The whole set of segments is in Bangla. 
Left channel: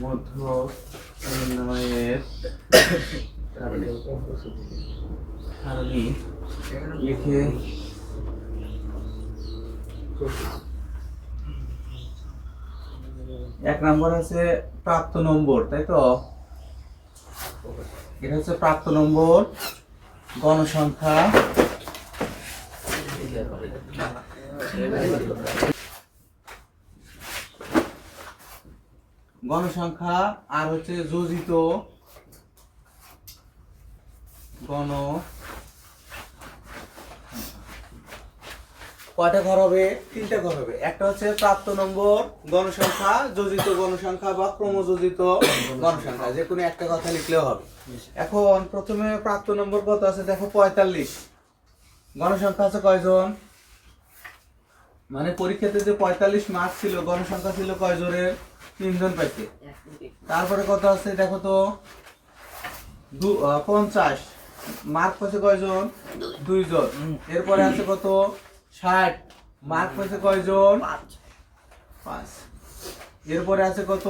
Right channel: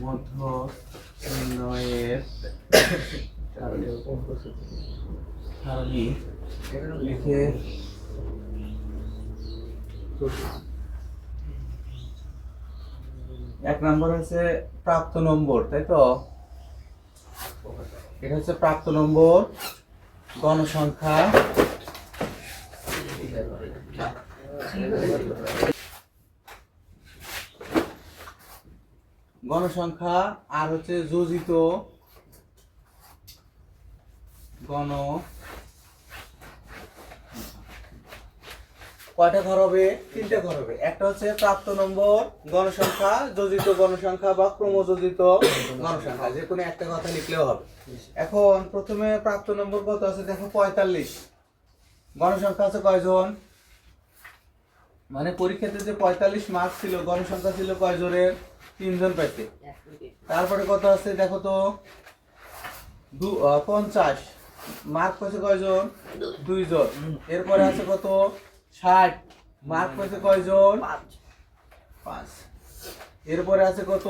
মধ্য নির্ণয়ের সারণী লিখে এক নম্বর আছে প্রাপ্ত নম্বর, তাই তো? এটা হচ্ছে প্রাপ্ত নম্বর, গণসংখ্যা, গণসংখ্যা আর হচ্ছে যোজিত গণ। কয়টা ঘর হবে? তিনটে ঘর হবে। একটা হচ্ছে প্রাপ্ত নম্বর গণসংখ্যা, যোজিত গণসংখ্যা বা ক্রমযোজিত গণসংখ্যা, যে কোনো একটা কথা লিখলেও হবে। এখন প্রথমে প্রাপ্ত নম্বর কত আছে দেখো, 45। গণসংখ্যা আছে কয়জন? মানে পরীক্ষাতে যে 45 মার্ক ছিল, গণসংখ্যা ছিল কয়জনের? 3 জন পাইছে। তারপরে কত আছে দেখো তো, 50 মার্ক পাইছে কয়জন? 2 জন। এরপরে আছে কত? 60 মার্ক পাইছে কয়জন? 5। এরপরে আছে কত?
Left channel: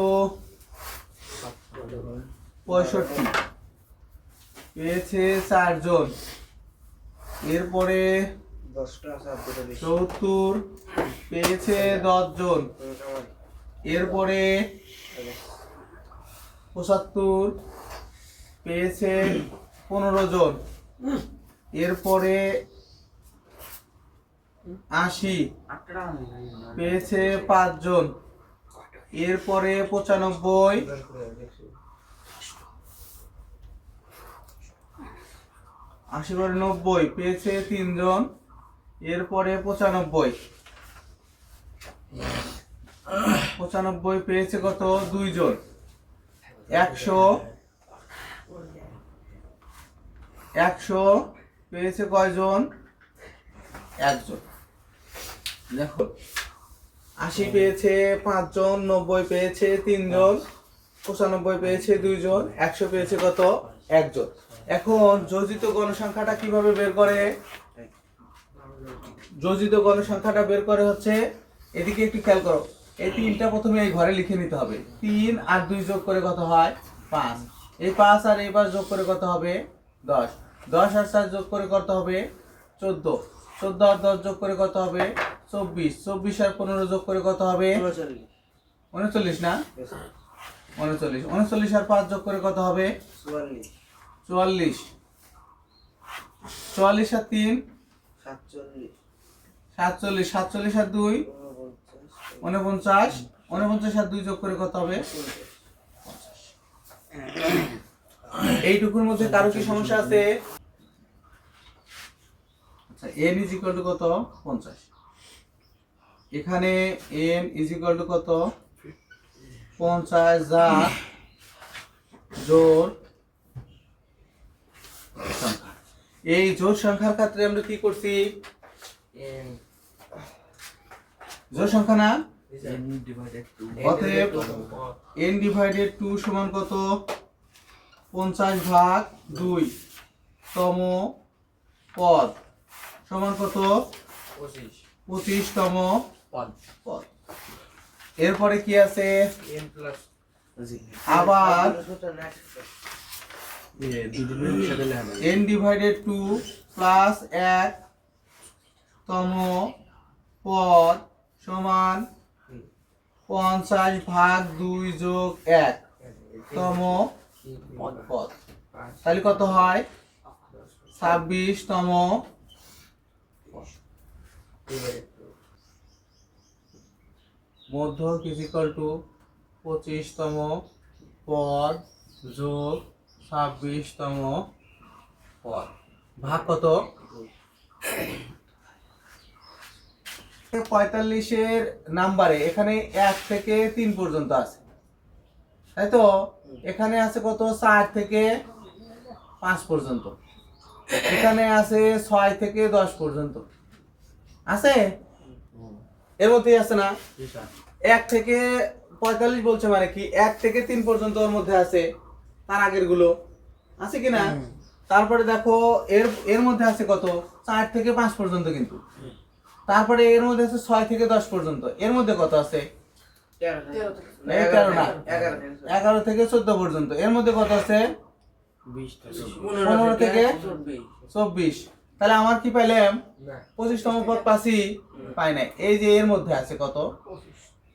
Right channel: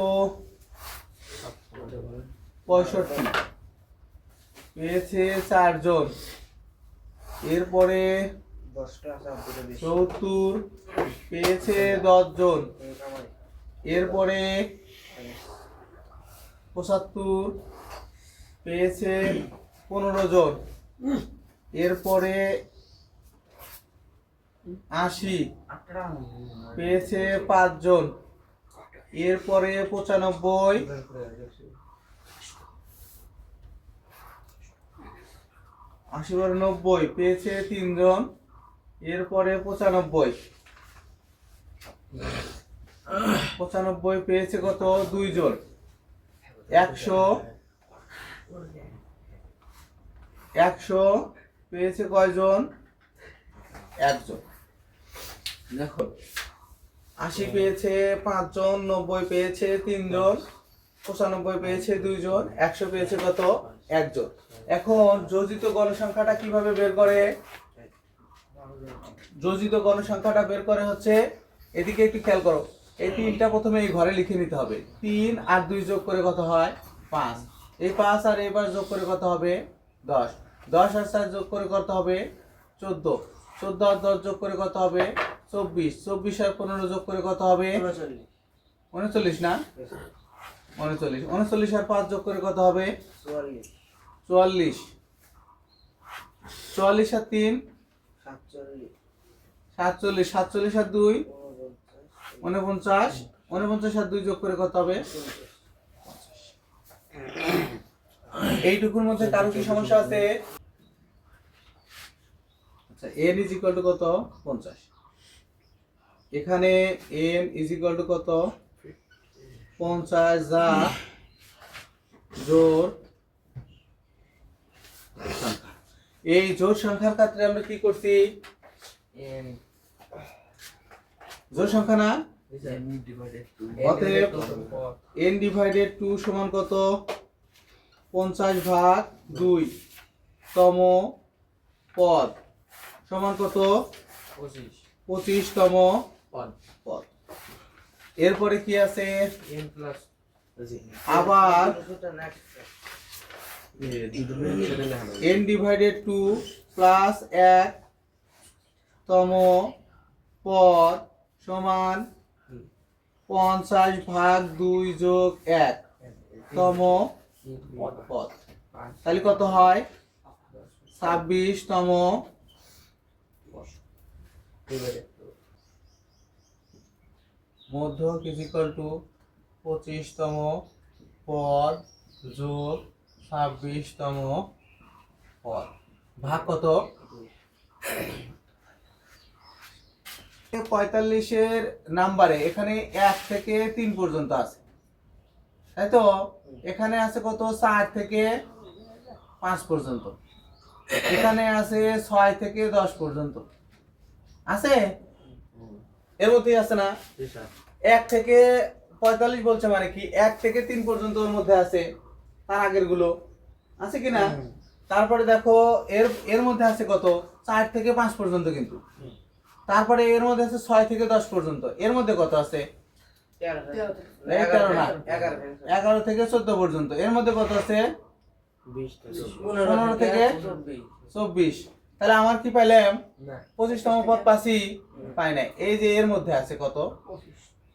65 পেয়েছে 4 জন। এরপরে 70 পেয়েছে 10 জন। এরপরে 75 পেয়েছে 15 জন। এরপরে 80 পেয়েছে 5 জন। এরপরে 95 80 পরে 90 পেয়েছে 3 জন। এরপরে 95 পেয়েছে কত? 2 জন। 100 পেয়েছে কয়জন? 1 জন। দেখো 80 পেয়েছে 5 জন, 90 পেয়েছে 3 জন, 95 পেয়েছে 2 জন, 100 পেয়েছে কত? 1 জন। এখন যোজিত গণসংখ্যাটা কিভাবে বের করে? যোজিত গণসংখ্যাটা বের করে হচ্ছে, এদিকে একটু খেয়াল করো, এই 3টা প্রথমে এই ঘরে লিখে নিতে হবে। 3 আর 2 যোগ করে কত হয়? 5। এই 5 আর এবার যোগ করে কত হবে? 10। 10 আর 4 যোগ করে কত হবে? 14। 14 আর 10 যোগ করে কত হবে? 24। 24 আর 15 যোগ করে কত হবে? 39 না? 39। 39 আর 5 যোগ করে কত হবে? 44। 44 আর 3 47। 47 আর 2 49। 49 আর 2 যোগ করে কত হবে? এইটুকুর মধ্যে কারো কি সমস্যা আছে? আচ্ছা, n ইজ ইকুয়াল টু কত? 50। এখানে n ইজ ইকুয়াল টু কত? 50 যা জোড় সংখ্যা। এই জোড় সংখ্যার ক্ষেত্রে আমরা কি করছি? জোড় সংখ্যা না, অতএব n ডিভাইডেড 2 সমান কত? 50/2 তম পদ সমান কত? 25 তম পদ। এরপরে কি আছে? আবার n ডিভাইডেড 2 প্লাস 1 তম পদ সমান 50/2 যোগ 1 তম পদ। তাহলে কত হয়? 26 তম মধ্য ইজ ইকুয়াল টু 25 তম পদ যোগ 26 তম পদ ভাগ কত? 45 এর নাম্বারে এখানে 1 থেকে 3 পর্যন্ত আছে, তাই তো? এখানে আছে কত? 4 থেকে 5 পর্যন্ত। এখানে আছে 6 থেকে 10 পর্যন্ত। আছে? এর মধ্যেই আছে না? 1 থেকে 45 বলছে মানে কি 1 থেকে 3 পর্যন্ত ওর মধ্যে আছে, তার আগের গুলো আছে কি না? তারপরে দেখো এর এর মধ্যে আছে কত? 4 থেকে 5 পর্যন্ত কিন্তু। তারপরে এর মধ্যে আছে 6 থেকে 10 পর্যন্ত। এর মধ্যে কত আছে? এই 13 না, 11 থেকে 14 পর্যন্ত। এর মধ্যে কত আছে? 15 থেকে 24। তাহলে আমার কি পাইলাম? 25তম পদ পাচ্ছি, পাই নাই। এই যে এর মধ্যে আছে কত?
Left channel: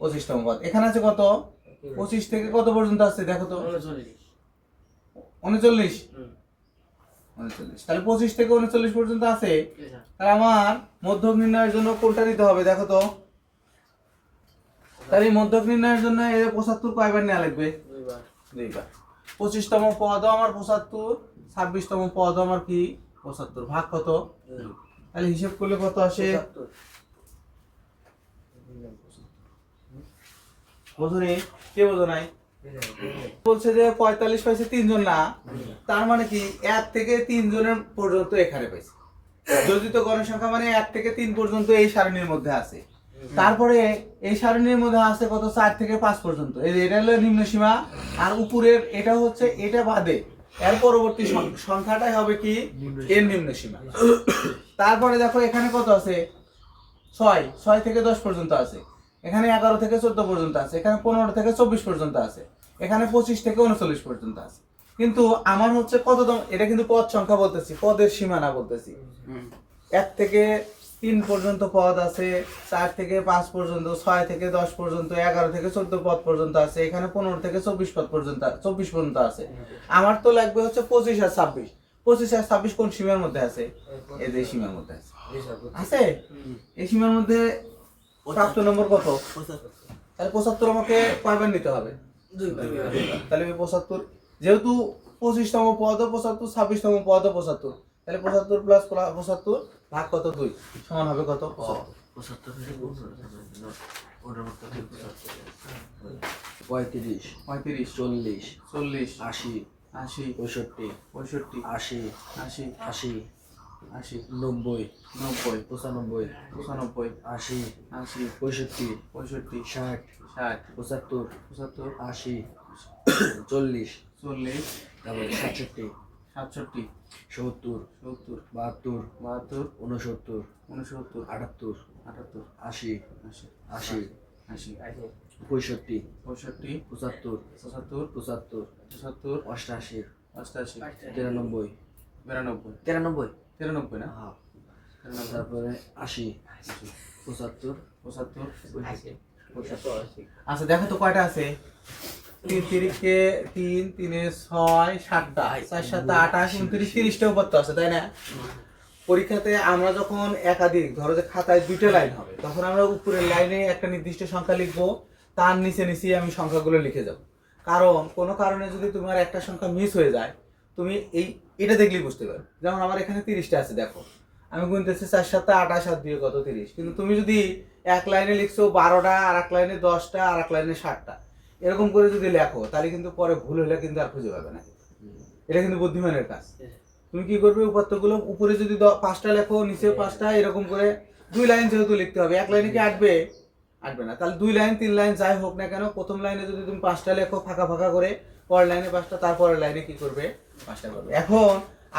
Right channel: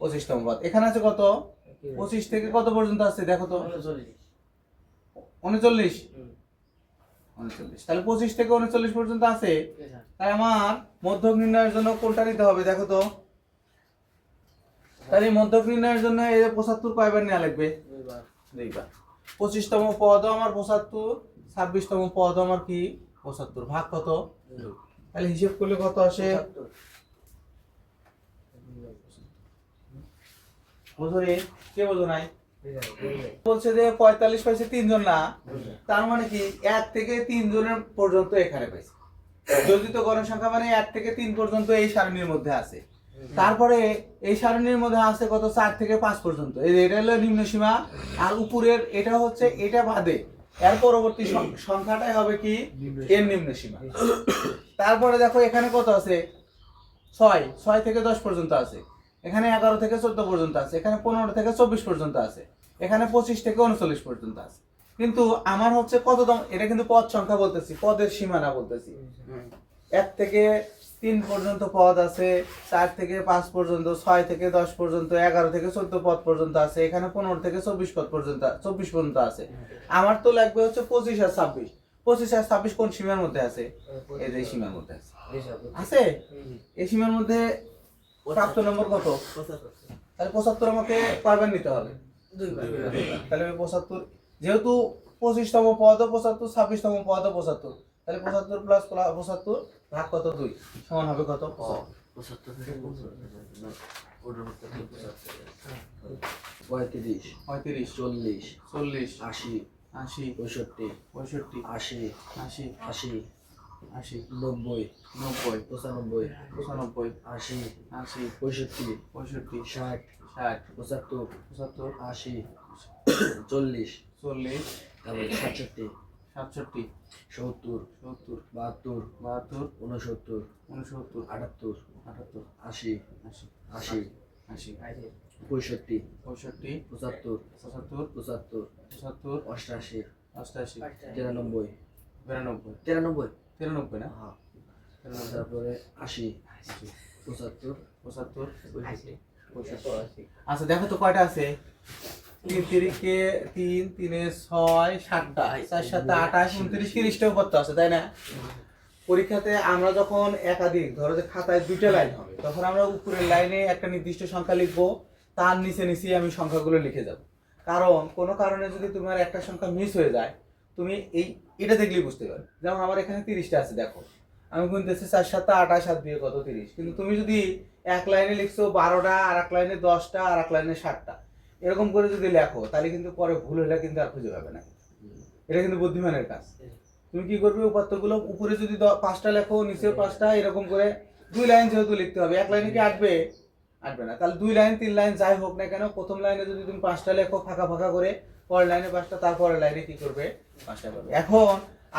25তম পদ। এখানে আছে কত? 25 থেকে কত পর্যন্ত আছে দেখো তো? 39। 39। তাহলে 25 থেকে 39 পর্যন্ত আছে। তাহলে আমার মধ্যক নির্ণয়ের জন্য কোনটা নিতে হবে দেখো তো? তাহলে এই মধ্যক নির্ণয়ের জন্য এই যে 75 কয়বার নেওয়া লাগবে? দুইবার। 25তম পদও আমার 75, 26তম পদও আমার কি 75। ভাগ কত? তাহলে হিসাব করলে কত আসে? বুঝুনি? কে বোঝো নাই? বলছে যে 45 পাইছে 3 জন না, তার মানে কি 1 থেকে 3 জনের পর্যন্ত এখানে পাইছে। যোজিত গণের সংখ্যা মানে 1 থেকে 3 পর্যন্ত এই সারণীর মধ্যে আছে। তারপরে এই সারণীর মধ্যে আছে কত? 4 থেকে 5 পর্যন্ত। এই যে এটা হলো নিম্ন সীমা, আর উপরের এটা হচ্ছে এটা বাদে এর পরবর্তী সংখ্যাটাই হবে কি এর নিম্ন সীমা। তারপরে দেখো এখানে কত আছে? 6 থেকে 10 পর্যন্ত আছে। এখানে 11 থেকে 14 পর্যন্ত আছে। এখানে 15 থেকে 24 পর্যন্ত আছে। এখানে 25 থেকে 39 পর্যন্ত আছে। কিন্তু আমার হচ্ছে কততম? এটা কিন্তু পদ সংখ্যা বলতেছি, পদের সীমানা বলতেছি। 1 থেকে 3 পর্যন্ত পদ আছে, 4 থেকে 5 পর্যন্ত, 6 থেকে 10 পর্যন্ত, 11 থেকে 14 পদ পর্যন্ত আছে। এখানে 15 থেকে 24 পদ পর্যন্ত, 24 পর্যন্ত আছে। আমার তো লাগবে হচ্ছে 25 আর 26। 25 আর 26 কোন সীমার মধ্যে আছে? এই যে সীমার মধ্যে আছে। আছে? এই সীমার মধ্যে প্রাপ্ত নম্বর কত? 75। তাহলে 75 আমাকে কয়বার নিতে হবে? দুইবার। তাহলে 75, যেহেতু 25তম পদ 75, 26তম পদ 75, তাহলে 75 প্লাস 75 ভাগ কত? 2 সমান হবে কত? 75 থেকে 35, 40, 40, 80, 65, 65, 80, 90, 95, 80, 65, 60, 75, 80, 40, তারপরে 67, 70, 72, 73, 69, 78, 80, 85, 75, 75, 75, 88, 93, 93 না? তারপরে 80, 75, 85। আচ্ছা দেখো তো কয়টা আছে? 3 তিরিকে 3, 3 6, 7টা, 4 7 28, 29, 30টাও করতে আছে, তাই না? পরীক্ষাতে আমরা যখন একাধিক, ধরো যে খাতায় 2টা লাইন হবে, তখন আমরা উপরের লাইনে একটা নির্দিষ্ট সংখ্যা লিখবো, তার নিচে নিচেই আমি সংখ্যাগুলো লিখে যাব। কারণ কোনো কারণে যদি তোমার একটা সংখ্যা মিস হয়ে যায়, তুমি এটা দেখলেই বুঝতে পারবে। যেমন আমার এখানে 30টা আছে, দেখো আমি গুনতেছি 4 7 28 7 দিয়ে কত 30। কিন্তু তুমি যদি এক লাইনে লিখছো 12টা, আর এক লাইনে 10টা, আর এক লাইনে 7টা, এরকম করে যদি লেখো, তাহলে কিন্তু পরে ভুল হলে কিন্তু আর খুঁজে পাবে না। এটা কিন্তু বুদ্ধিমানের কাজ। তুমি কি করবে? উপাত্তগুলো উপরে যদি 5টা লেখো, নিচে 5টা, এরকম করে 2 লাইন যেহেতু লিখতে হবে, এক লাইনে কি আটবে না। তাহলে 2 লাইন 3 লাইন যাই হোক না কেন, প্রথম লাইনে যদি তুমি 5টা লেখো ফাঁকা ফাঁকা করে, পরের লাইনে 5টা, তারপরের লাইনে কি করবে? 5টা করবে। এখন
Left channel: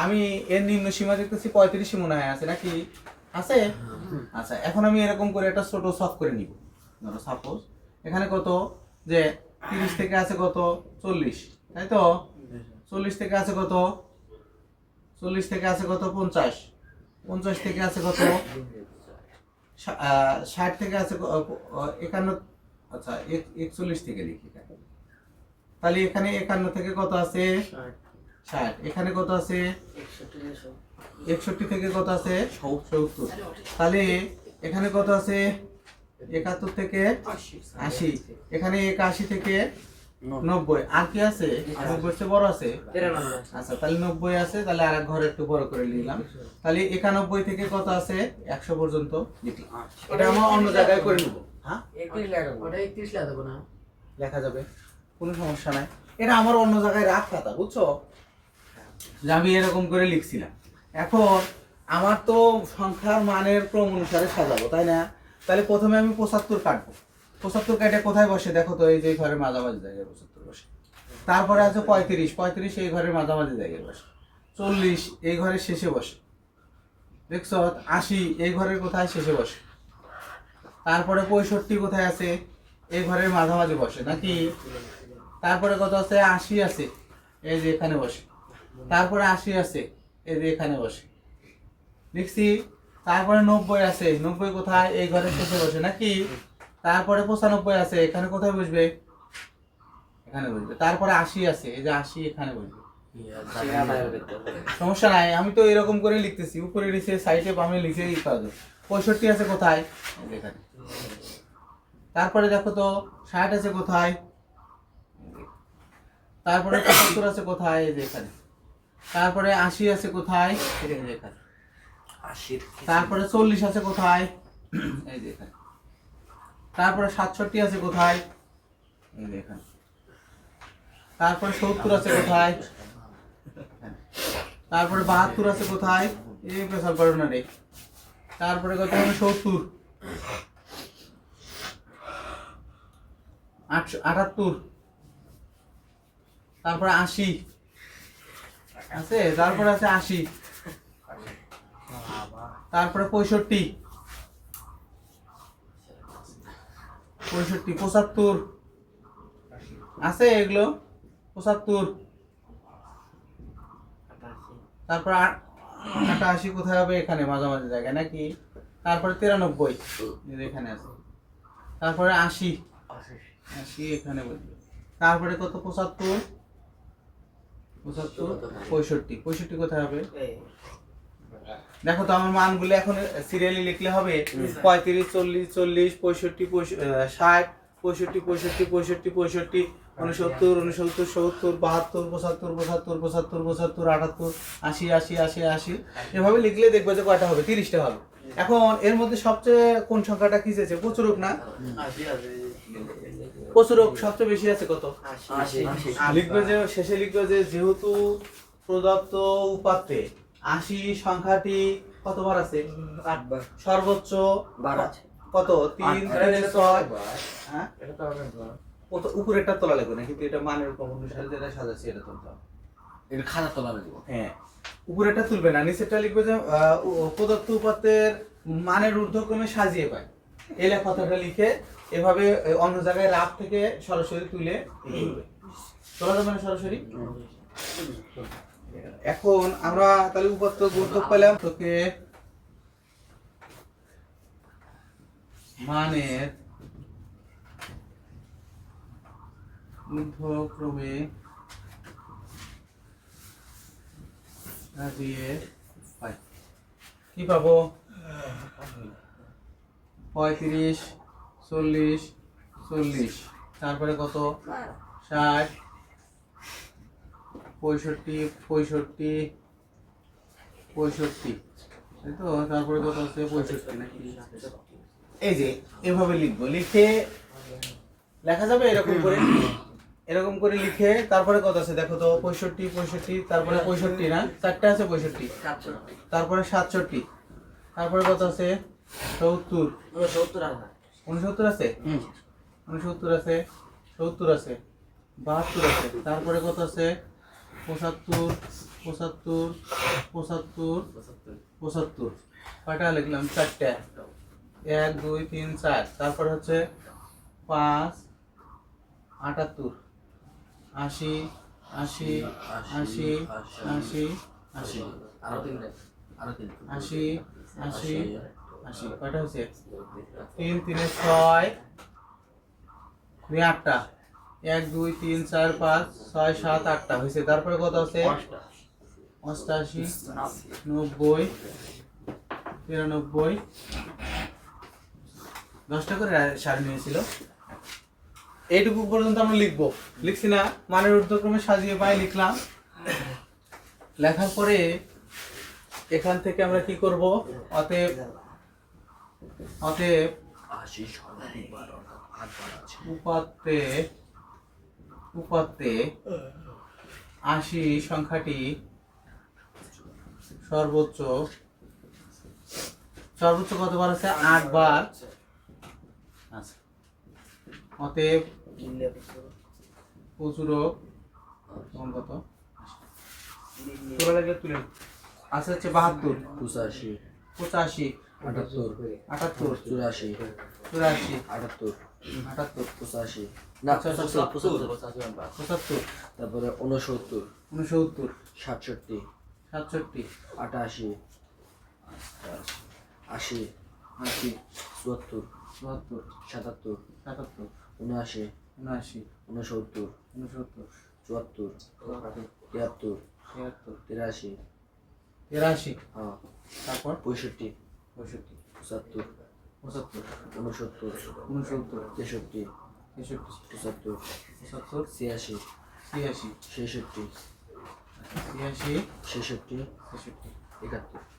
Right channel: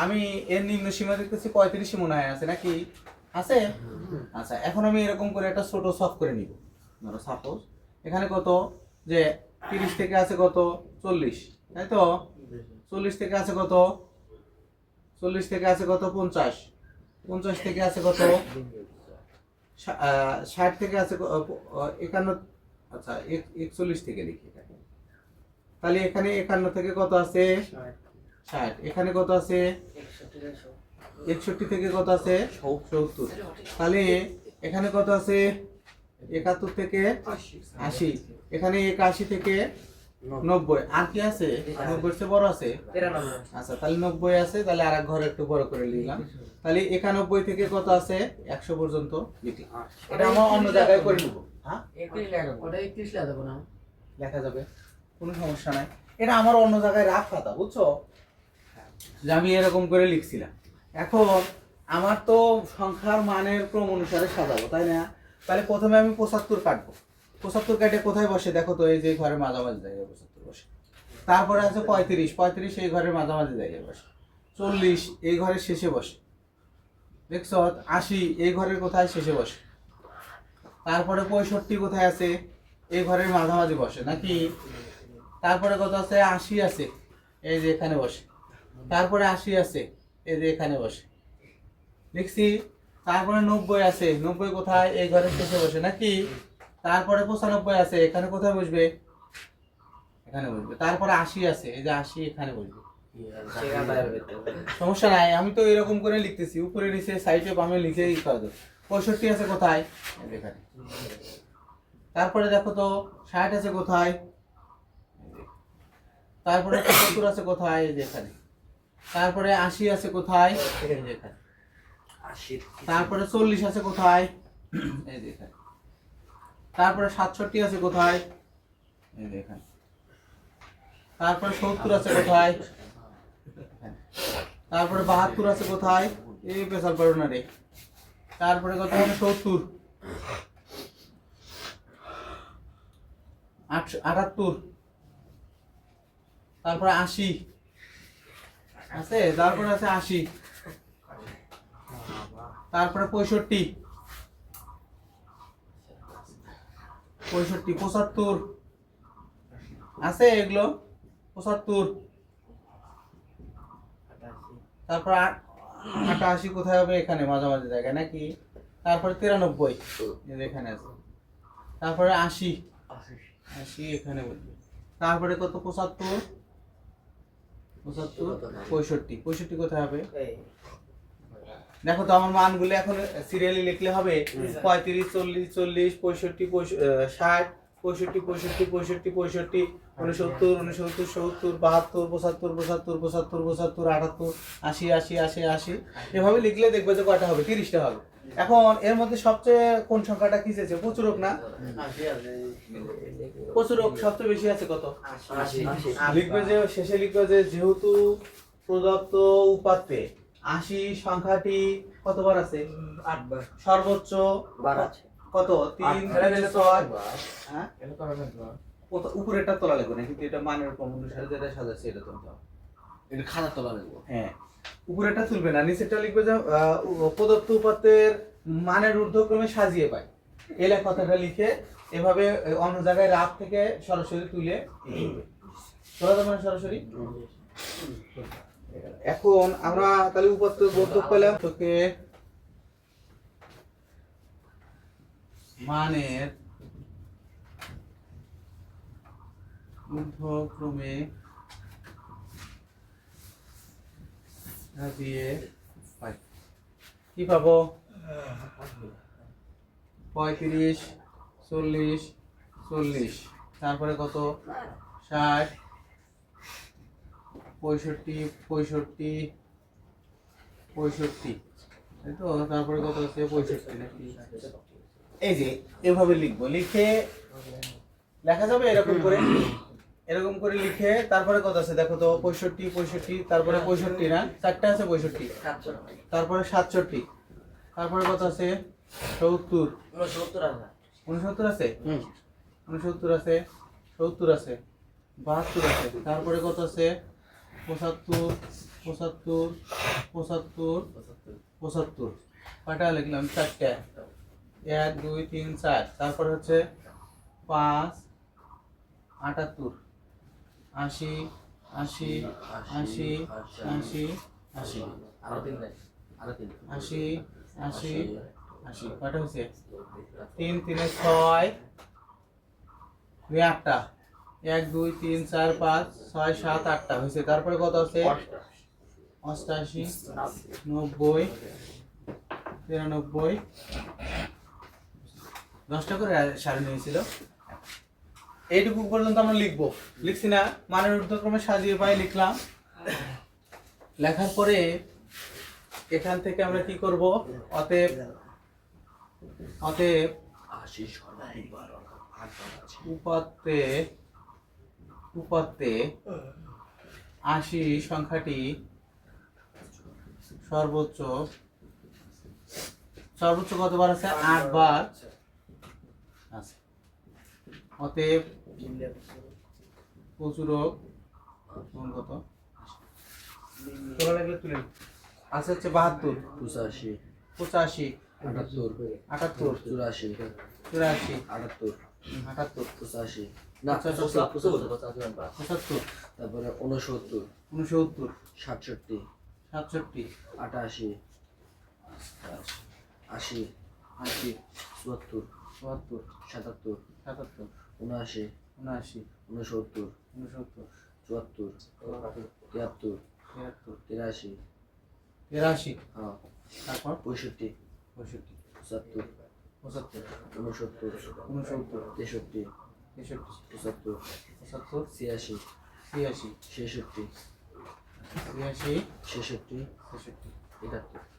আমি এর নিম্ন সীমা দেখতেছি 35 মনে হয় আছে নাকি? আছে? আচ্ছা, এখন আমি এরকম করে একটা ছোট সলভ করে নিব। ধরো সাপোজ এখানে কত, যে 30 থেকে আছে কত? 40, তাই তো? 40 থেকে আছে কত? 40 থেকে আছে কত? 50, 50 থেকে আছে কত? 60 থেকে আছে 51। আচ্ছা 41 থেকে লিখি, তাহলে এখানে 51 থেকে কত আছে? 60। এখানে কত আছে? 61 থেকে কত আছে? 70। তাহলে এখানে কত আছে? 71 থেকে 80। এখানে 81 থেকে 90। আর কি আছে? 90 চেয়ে বড় আছে? আচ্ছা তাহলে 90 আছে, তাহলে আর এক ঘরে একটু বড় করে নিলাম। তাহলে 91 থেকে কত আছে? 100 পর্যন্ত লিখি। এটা আমরা অন্য জায়গায় করে নিব। হ্যাঁ 31 লেখা যাবে, কোনো সমস্যা নাই। এটা আমার অন্য জায়গায় রাখ খাতা, বুঝছো? যে আমি এরকম করে লিখছিলাম। এখন আমার তো সংখ্যার মানের ক্রম অনুসারে সাজাবো, তাই না? তাহলে প্রথমে আমি 75 কাটবো। 75 কাটে কোথায় বসে দেখো তো? এই যে ঘরের মাঝামাঝি জায়গায় 75 বসে। তারপরে আছে 35, 35 এই ঘরের মাঝামাঝি জায়গায় বসে। 40 এই ঘরের শেষে বসে, দেখছো? 80 এই ঘরের কোথায়? শেষে বসে। তারপরে 65 কোথায় আছে? এই ঘরের মাঝামাঝি বসে নাকি? তারপরে কত আছে? 80 আছে, এই যে এখানে বসে। তারপরে 80 আছে, এই যে এখানে বসে, লিখছি। তারপরে 90 আছে, 90 কোথায়? এই ঘরের শেষে বসে নাকি? তারপরে 95 আছে, এখানে কোথায় বসবে? এখানে বসবে। তারপরে 80 আছে, এই যে 80 এখানে বসবে। সমস্যা নাই, আমি তো এরকম করে লিখতেছি, উপরে নিচে সাইডে বামে লিখে করা যায়। 65 আছে কোথায়? এই যে এখানে। তারপরে দেখো তো 60 আছে কোথায়? তারপরে 75 আছে কোথায়? এই যে এখানে। তারপরে 80 আছে কোথায়? এই যে এখানে। তারপরে 40 আছে কোথায়? এই যে এখানে। তারপরে 67 আছে কোথায়? এই যে এখানে। তারপরে 70 আছে কোথায়? তারপরে 72 আছে কোথায়? এই পেছাল করো না রে। তারপরে কত হবে? 70, 78, তারপরে 80 আছে, তারপরে আছে 80, তারপরে 65, 75 আছে এগুলো, 75। তারপর 88 কোথায় হবে? এখানে মাঝামাঝি জায়গায় নাকি? তারপরে 93 এখানে আছে। তারপরে 80 এখানে বলবে। তারপরে কত? 75, 65 কোথায় হবে? দেখো তো আমার মানগুলো এখন সিরিয়ালি লিখলে হবে। 35, 40, 40, 65, 60, 65, 65, 65, 69, 69, 70, 72, 75, 75, 75, 75, 78, 80, 80, 80, 80, এভাবে লিখলে দেখবে যে কয়টা হবে? 30টা হবে। এখন এর মধ্যে সবচেয়ে কোন সংখ্যাটা কি আছে? প্রচুরক না? প্রচুরক সবচেয়ে বেশি আছে কত? 80। লিখবে যে শেষে লিখবে যে যেহেতু প্রদত্ত উপাত্তে 80 সংখ্যাটি কতবার আছে? 8 বার। সর্বোচ্চ কত? 3, 6। হ্যাঁ, উপরেরটা তোলা লাগবে না, কিন্তু এটা মানের উপর অনুসারে যেটা সাজাচ্ছি এটা তুলতে হবে। এটা খাতা তোলা লাগবে। হ্যাঁ, উপরেরটা তুলবে না, নিচেরটা লিখবে যে প্রদত্ত উপাত্তের মানের ঊর্ধ্বক্রমে সাজিয়ে পায়। এই কথাটা লিখে এভাবে অন্য জায়গায় রাত থেকে সরাসরি তুলে তোলা যাবে না সরাসরি। এখন আমরা তাহলে উপাত্ত গন্তব্য পেলাম তোকে মানের ঊর্ধ্বক্রমে সাজিয়ে পাই। কি পাবো? 35, 40, 40, তারপরে কত? 60, 65, 65, 65, তাই তো? তারপরে কত আছে? 65 নাকি? এই যে এভাবে লিখবো, লিখে লেখা যাবে এরকম করে, এরকম করে লিখে তারপরে কত আছে দেখো তো? 65, 65, তারপরে 65 না, 4টা আছে 65, তারপরে 67, তারপরে কত আছে? 70, 69 আছে, 69 আছে, 70 আছে, 72 আছে, তারপরে কত আছে? 75, 75, 75, 75। কয়টা লিখলাম? 4টা। 1, 2, 3, 4। তারপরে হচ্ছে 5, 78, 80, 80, 80, 80, 80, 80, 80, 80। কয়টা হয়েছে? 3, 3, 6, 8টা। 1, 2, 3, 4, 5, 6, 7, 8টা হয়েছে। তারপরে কত আছে? 88, 90, 93, 10টা করে সারি নিয়েছিল। এইটুকু পর্যন্ত আমরা লিখবো, লিখছি না? মানের ঊর্ধ্বক্রমে সাজিয়ে পাই লিখলাম। লেখার পরে এখান থেকে আমরা কি করব? অতএব উপাত্তে 80 সংখ্যাটি সর্বোচ্চ কতবার আছে? 8 বার আছে। অতএব প্রচুরক কত? তোলা লাগলে তুলে আছে হচ্ছে 72, 85, 88, 78, 84, 84, 84, 78, 78 85 না 75 75 তারপরে 69 69 67 67 88 80 80 74 74 77 77 79 79 69 69 74 74 73 73 83 83 হ্যাঁ তারপর 65 65 75 75 69 69 63 63 75 75 86 86 66 86 66 66 71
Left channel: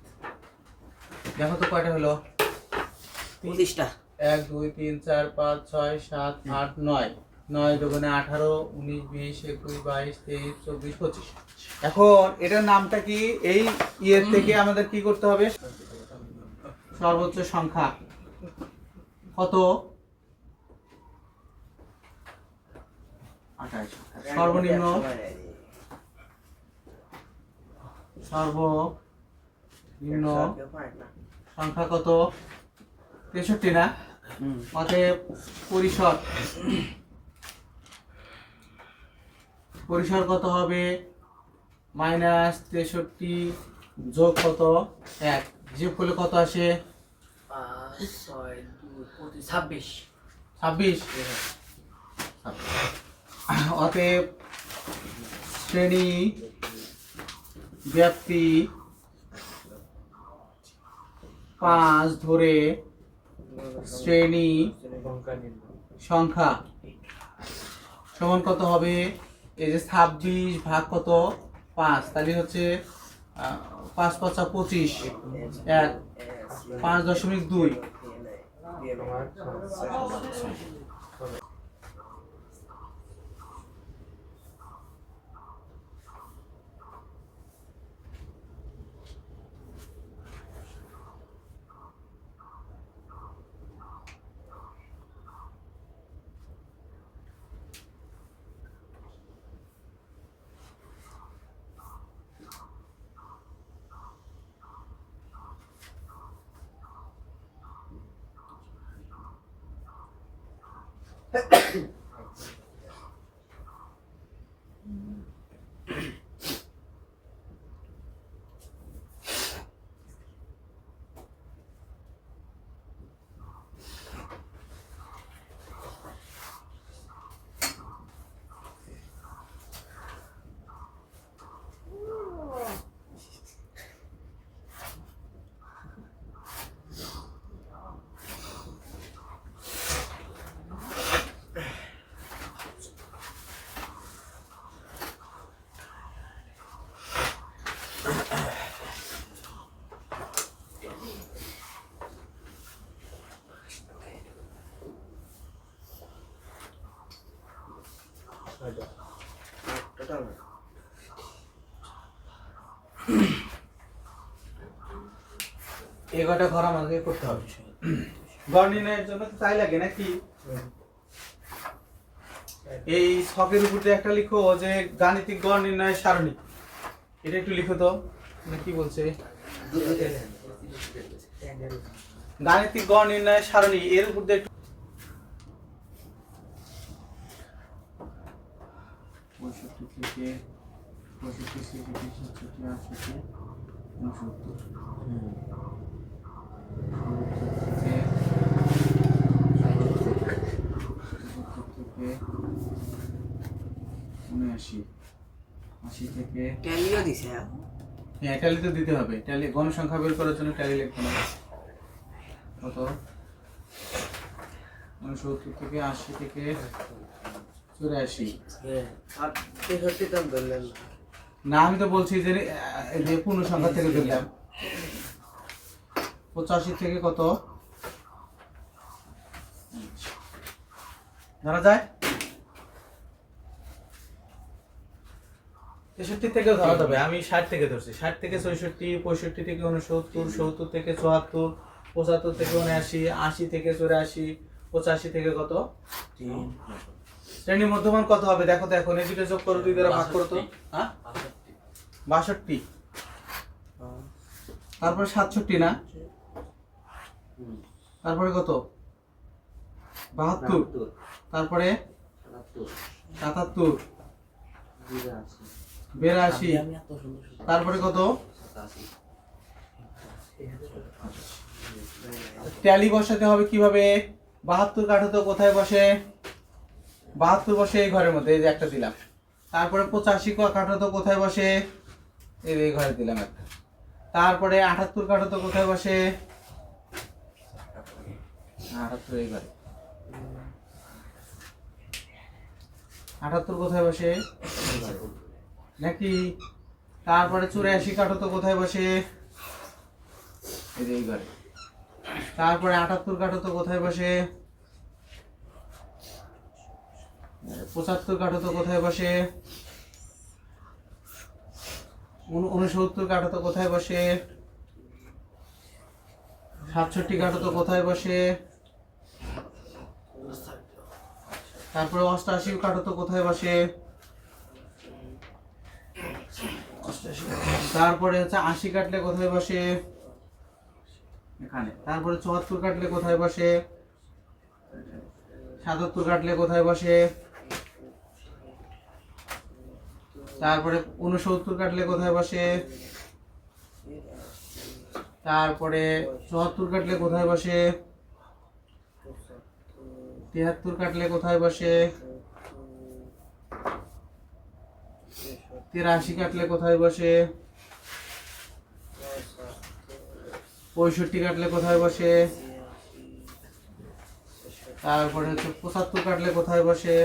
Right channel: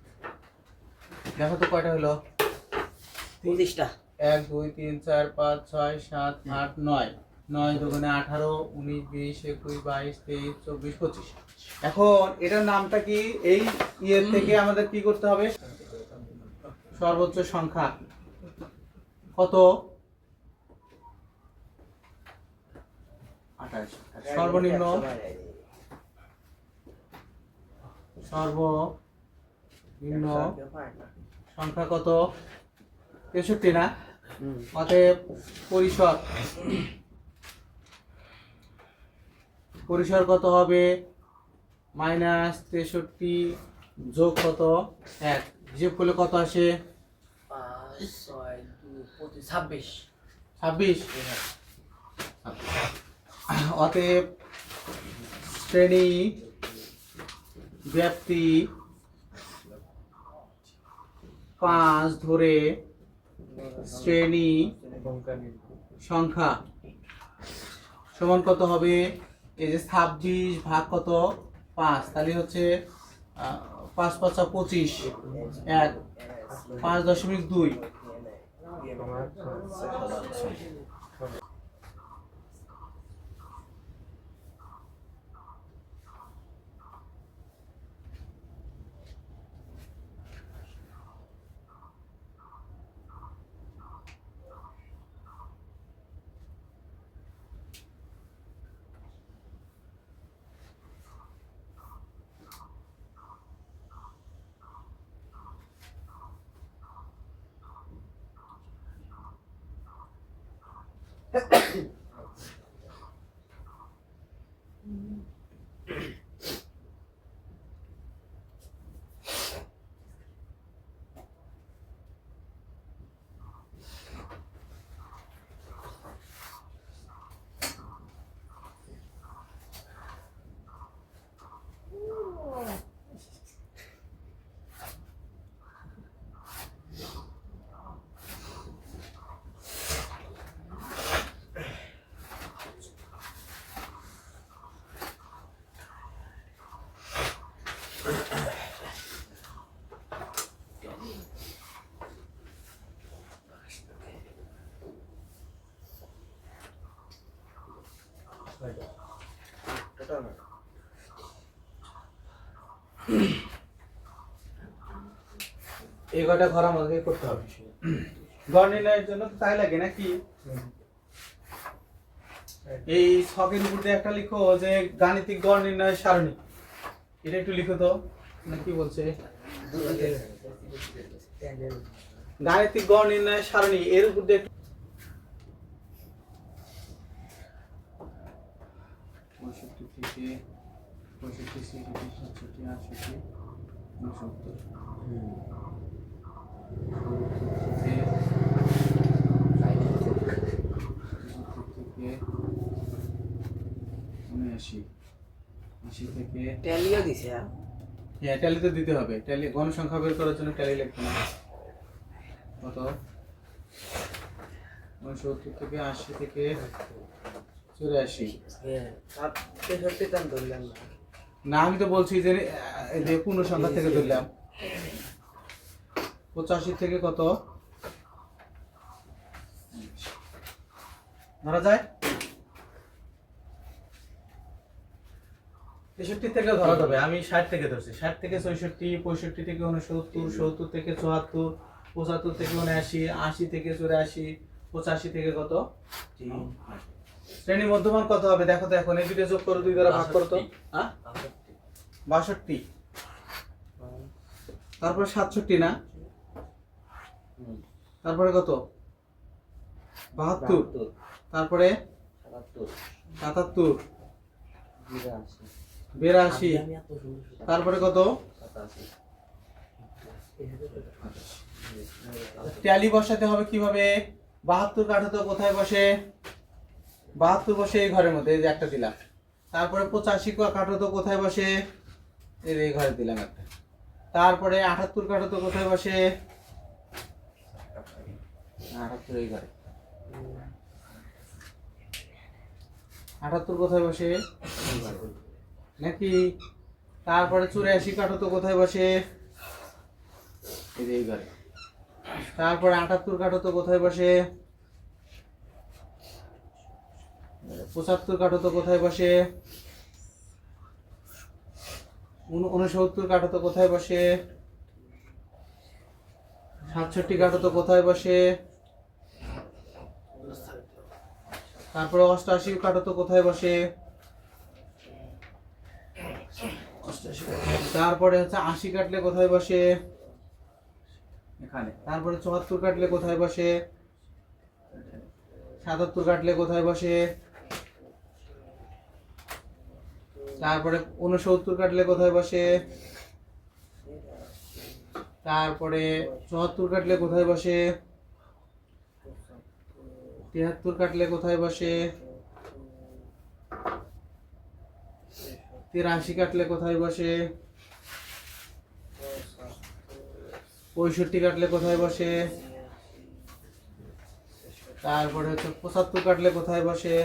দেখো তো কয়টা হলো 19টা 1 2 3 4 5 6 7 8 9 9 দুগুণে 18 19 20 21 22 23 24 25 এখন এটার নামটা কি এই ইয়ের থেকে আমাদের কি করতে হবে সর্বোচ্চ সংখ্যা কত 28 সর্বনিম্ন সংখ্যা কত 63 না অতএব পরিসর কত হবে -63 যোগ কত 1 হিসেব করলে কত আসে 26 26 অতএব শ্রেণী ব্যাপ্তি 5 ধরে শ্রেণী সংখ্যা সমান কত হবে এই যে 26 ভাগ কত 5 তাহলে হচ্ছে 5 5 25 1 5.2 এই কটা ঘর আমাকে করতে হবে গড় নির্ণয়ের জন্য তো তাই লাগে নাকি এই ছকের উপর দিয়ে একটা লিখো যে গাণিতিক গড় নির্ণয়ের সারণী এটা একটু লিখো তো মানে কি বলছে গাণিতিক গড় নির্ণয়ের সারণী এর উপর দিয়ে 65 থেকে 65 67 68 থেকে ট্যালিও দিছে হ্যাঁ ট্যালি তো দিতে হবে ট্যালি গণসংখ্যা বের করার জন্য ট্যালি লিখতে না কত 69 থেকে 80 থেকে 84 আর 63 টান ধরলেন না আমি তো বলছি যে এই যে পূর্ণ সংখ্যা থেকে ধরলাম 85 থেকে কত ধরা যায় 63 থেকেও ধরা যাবে আমি 60 থেকে ধরছি 60 থেকে 66 65 থেকে 69 70 থেকে 74 75 থেকে 79 80 থেকে 84 85 থেকে কত 3 শ্রেণী মধ্যমান কত হবে দেখো তো এখন এই দুটো যোগ করো দুই দ্বারা ভাগ করো তো হ্যাঁ 62 তারপরে 67 না তারপরে কত 72, তারপরে 77, 82, তারপরে কত? ট্যালি বসাতে হবে কিভাবে? 72 কাঠো তো কোথায় বসে? 72 বসে এই ঘরের মধ্যে, এই যে একটা দিলাম। তারপরে 85 কাঠো তো কোথায় বসে? এই যে এই ঘরে দিলাম একটা। তারপরে 78 কাঠো তো কোথায় বসে? 78 এই ঘরে। 78 কোথায় বসে? নাকি? তারপরে 84 কাঠো তো কোথায় বসে? এই যে এই ঘরে। তারপরে 78 কাঠো তো কোথায় বসে? 75 কাঠো তো কোথায় বসে? 69 কাঠো তো কোথায় বসে? 67 কাঠো তো কোথায় বসে? তারপরে 88 কাঠো তো কোথায় বসে? 88। তারপরে হচ্ছে 80 কাটলে কোথায় বসে? এখানে। তারপরে 74 কাটলে কোথায় বসে? 77 কাটলে কোথায় বসে? তারপরে 69 কাটলে কোথায় বসে? তারপরে 74 কাটলে কোথায় বসে? 73 কাটলে কোথায় বসে? 83 কাটলে কোথায় বসে? 65 কাটলে কোথায় বসে? তারপরে হচ্ছে 75 কাটলে কোথায় বসে?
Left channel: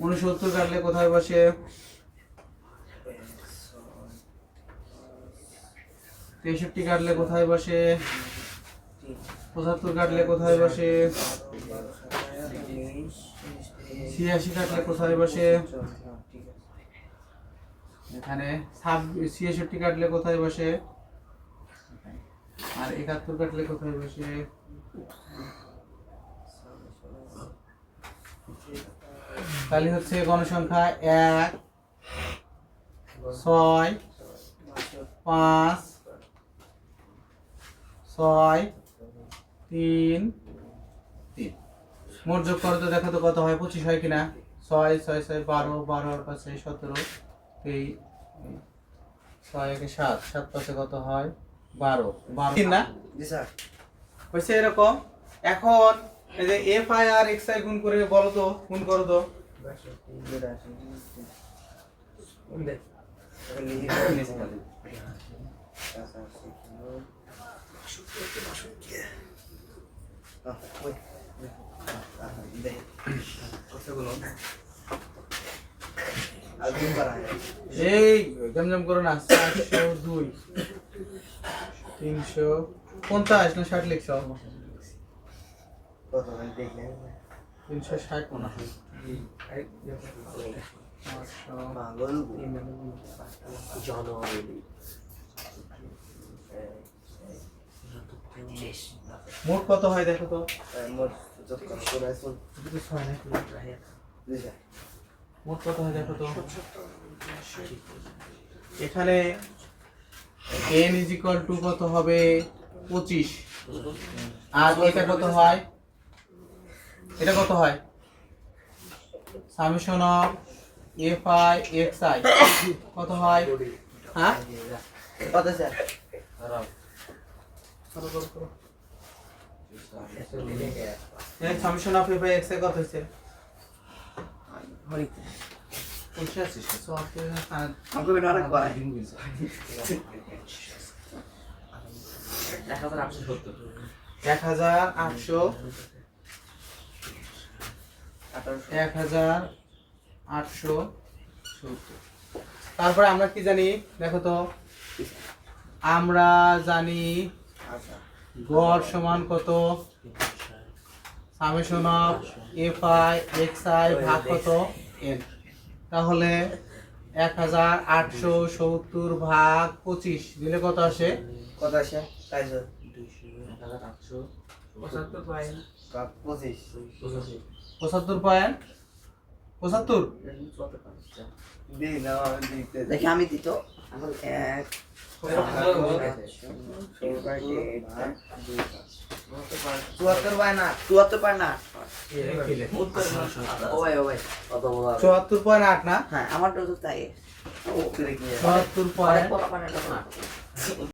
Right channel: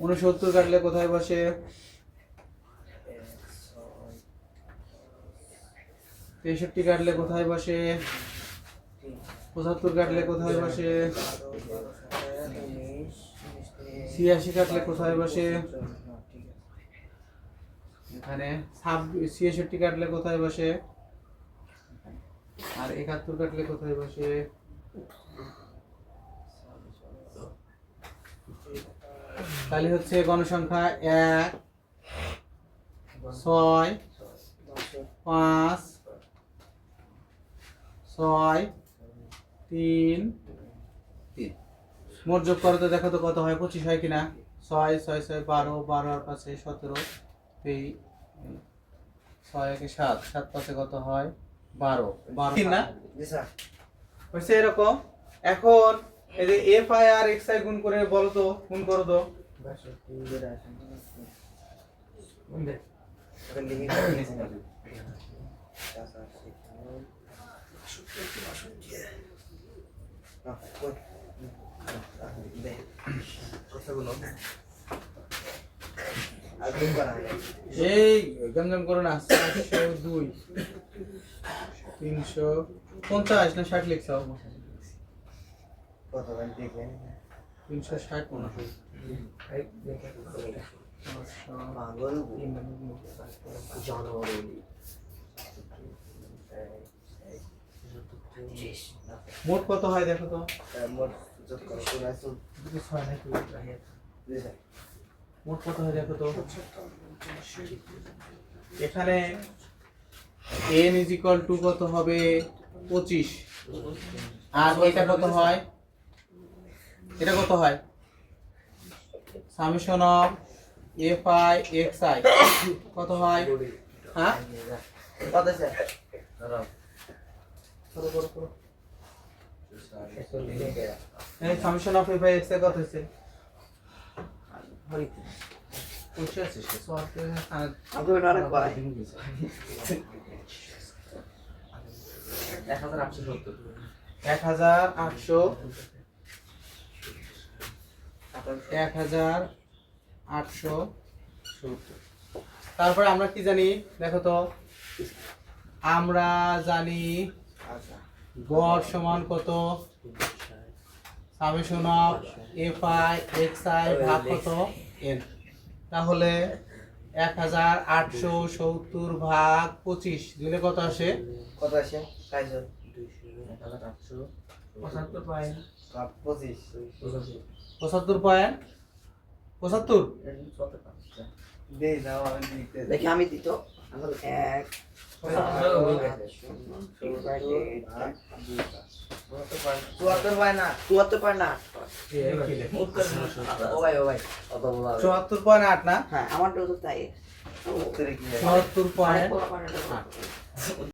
69 কাটলে কোথায় বসে? 63 কাটলে কোথায় বসে? 75 কাটলে কোথায় বসে? 86 কাটলে কোথায় বসে? এখানে 66 কাটলে কোথায় বসে? আর 71 কাটলে কোথায় বসে? তাহলে হচ্ছে গণসংখ্যা 1, 6, 5, 6, 3, 3। মোট যোগ করো তো, দেখো তো কত হয়? 25 হয় কিনা? 6, 6, 6, 12, 12 আর 5, 17, এই 6 একে 7, 7 পাশে কত হয়? 12, 12 না? হয়েছে এরকম। এখন এই যে এফ আই আর এক্স আই গুণ করে বলো তো, গুণ করো তো। এই জমজম করো না। 402, 350 না 60 লিখছ? 360 মনে হয়। 500। মোট কত হয় দেখো তো? মোট কত হয় দেখো তো? এখানে n is equal to কত হবে? 25। আর এটা কত হয়? এটা কত হয়? Summation of F I x I কত হয়? হ্যাঁ কত স্যার? এই summation of F I x I কত হইছে? হরি 1870। তারপরে আমরা কি জানি দেখো তো? আমরা জানি গড় সমান কত? Summation of F I x I ভাগ কত? এন। তাহলে 1870 ভাগ 25 দিলে কত আসে? কত আসে? 75 পয়েন্ট। 25 75 পয়েন্ট 75। দেখি আমি দিত আমার এক চুয়াত্তর বাই না 74.8 ও ভাই 74.8 না হ্যাঁ আমারটা তো তাই 74.8